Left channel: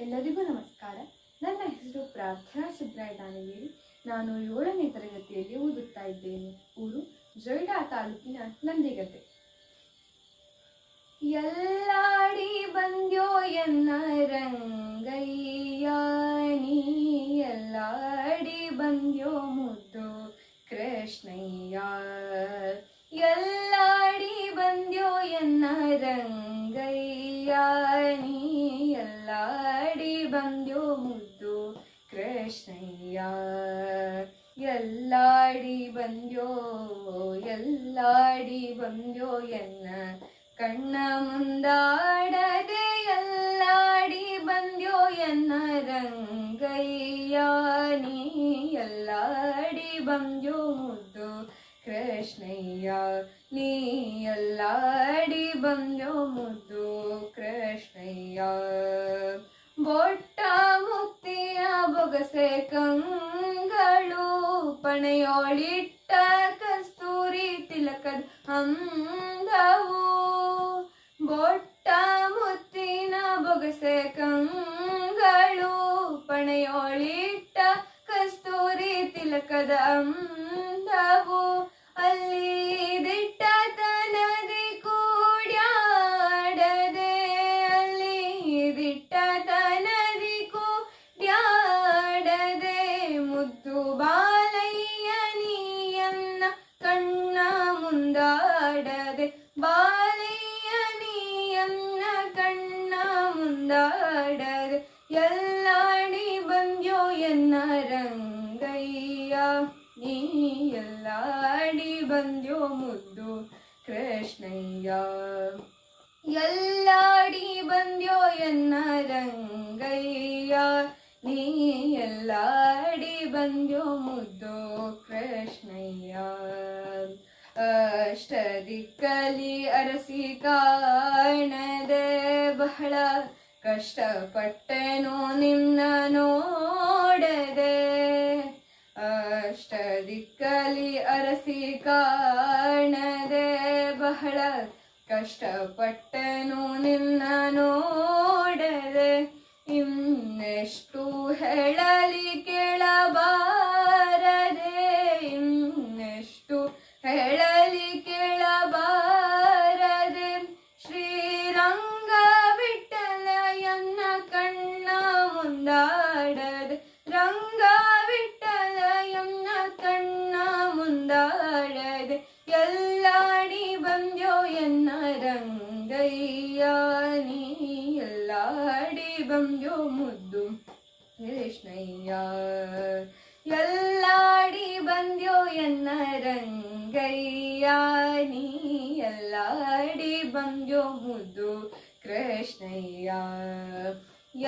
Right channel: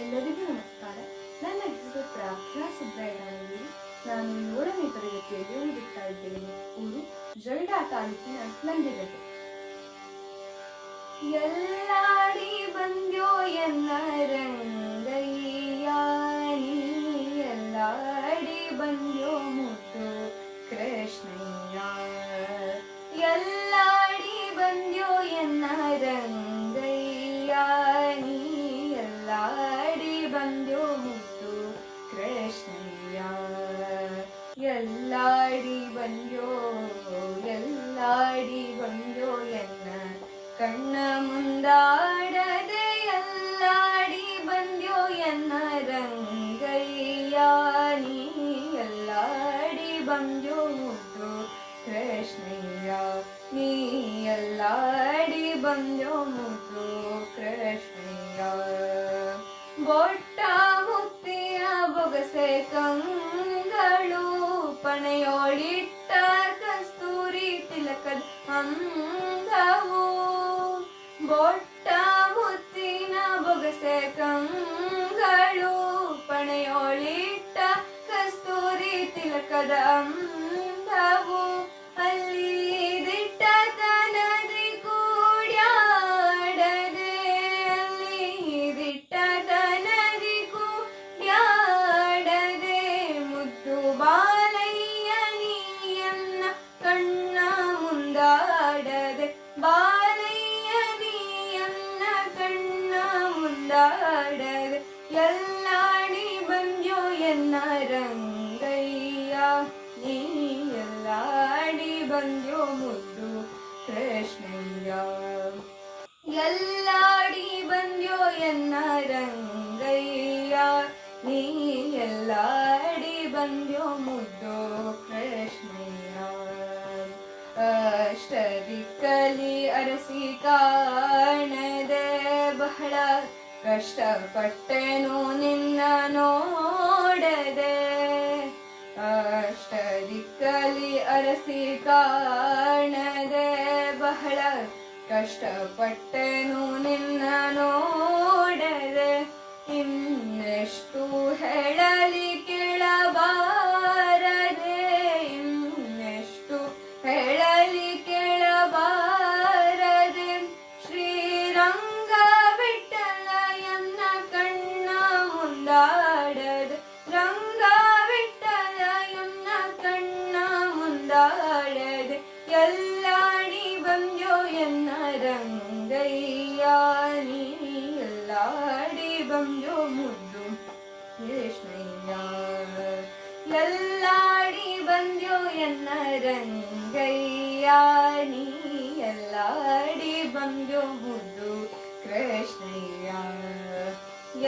ಎಲ್ಲರಿಗೂ ನಮಸ್ಕಾರ. ನನ್ನ ಹೆಸರು ಪ್ರಾರ್ಥನಾ ಸುಬ್ರಾಯಣ್ಣನಿಗೆ ನಾನು ಏಳನೇ ತರಗತಿಯಲ್ಲಿ ಓದುತ್ತಾ ಇದ್ದೇನೆ. ಊರು ಜೊಯ್ಡಾ ತಾಲೂಕಿನ ನಂದಿಗಟ್ಟೆ ಎಲ್ಲಾಡಿ ಬಂದ್ಯೋ ಎನ್ನ ರಂಗಯ್ಯಾನಿ ಎಲ್ಲಾಡಿ ಬಂದ್ಯೋ ಮುದ್ದು ಕೃಷ್ಣಯ್ಯ? ಎಲ್ಲಾಡಿ ಬಂದ್ಯೋ ಎನ್ನ ರಂಗಯ್ಯ ಕೃಷ್ಣಯ್ಯ ಎಲ್ಲಾಡಿ ಬಂದ್ಯೋ ಎಲ್ಲಾಡಿ ಬಂದ್ಯೋ ಎನ್ನ ಕಣ್ಣ ಮುಂದಾಡದೆ ಎಲ್ಲಾಡಿ ಬಂದ್ಯೋ ಎನ್ನ ರಂಗಯ್ಯ ನೀ ಎಲ್ಲಾಡಿ ಬಂದ್ಯೋ ಮುದ್ದು ಕೃಷ್ಣಯ್ಯ ನೀ ಎಲ್ಲಾಡಿ ಬಂದ್ಯೋ ಮುದ್ದು ಕೃಷ್ಣಯ್ಯ ಬೊಟ್ಟ ಮುತ್ತಿಯ ಬೊಗಸೆ ಕಂಗಳು ಪಣೆಯೋಳಿಟ್ಟ ಕಸ್ತೂರಿ ತಿಲಕದ ಅಂಗವು. ಬೊಟ್ಟ ಮುತ್ತಿನ ಬೊಗಸೆ ಕಂಗಳು ಪಣೆಯೋಳಿಟ್ಟ ಕಸ್ತೂರಿ ತಿಲಕದ ಮುಂದಾಡದೆ ಎಲ್ಲಾಡಿ ಬಂದ್ಯೋ ಎನ್ನ ರಂಗಯ್ಯ? ನೀ ಎಲ್ಲಾಡಿ ಬಂದ್ಯೋ ಮುದ್ದು ಕೃಷ್ಣಯ್ಯ. ಎಲ್ಲಾಡಿ ಬಂದ್ಯೋ ಎನ್ನ ರಂಗಯ್ಯ? ನೀ ಎಲ್ಲಾಡಿ ಬಂದ್ಯೋ ಮುದ್ದು ಕೃಷ್ಣಯ್ಯ. ಅಷ್ಟದಿಕ್ಕಲಿ ಅರಸಿ ಕಾಣದೆ ಬಹಳ ಕಷ್ಟಪಟ್ಟೆನು ನಿನ್ನ ನೋಡದೆ ಅಷ್ಟದಿಕ್ಕಲಿ ಅರಸಿ ಕಾಣದೆ ಬಹಳ ಕಷ್ಟಪಟ್ಟೆನು ನಿನ್ನ ರಂಗಯ್ಯ ನೀ ಎಲ್ಲಾಡಿ ಬಂದ್ಯೋ ಮುದ್ದು ಕೃಷ್ಣಯ್ಯ ಎಲ್ಲಾಡಿ ಬಂದ್ಯೋ ಎನ್ನ ರಂಗಯ್ಯ ನೀ ಎಲ್ಲಾಡಿ ಬಂದ್ಯೋ ಮುದ್ದು ಕೃಷ್ಣಯ್ಯ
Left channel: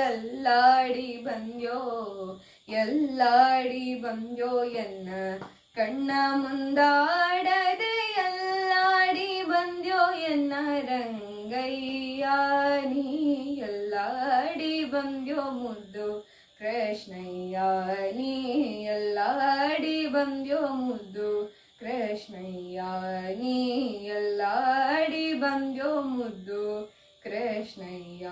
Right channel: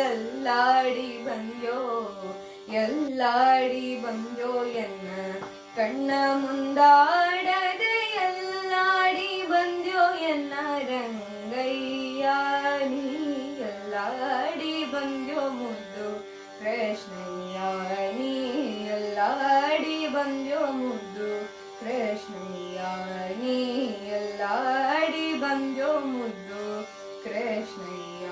ಎಲ್ಲಾಡಿ ಬಂದ್ಯೋ ಎಲ್ಲಾಡಿ ಬಂದ್ಯೋ ಎನ್ನ ಕಣ್ಣ ಮುಂದಾಡದೆ ಕೃಷ್ಣಯ್ಯ ನೀ ಎಲ್ಲಾದಿ ಬಂದೋ ಮುದ್ದು ಕೃಷ್ಣಯ್ಯ.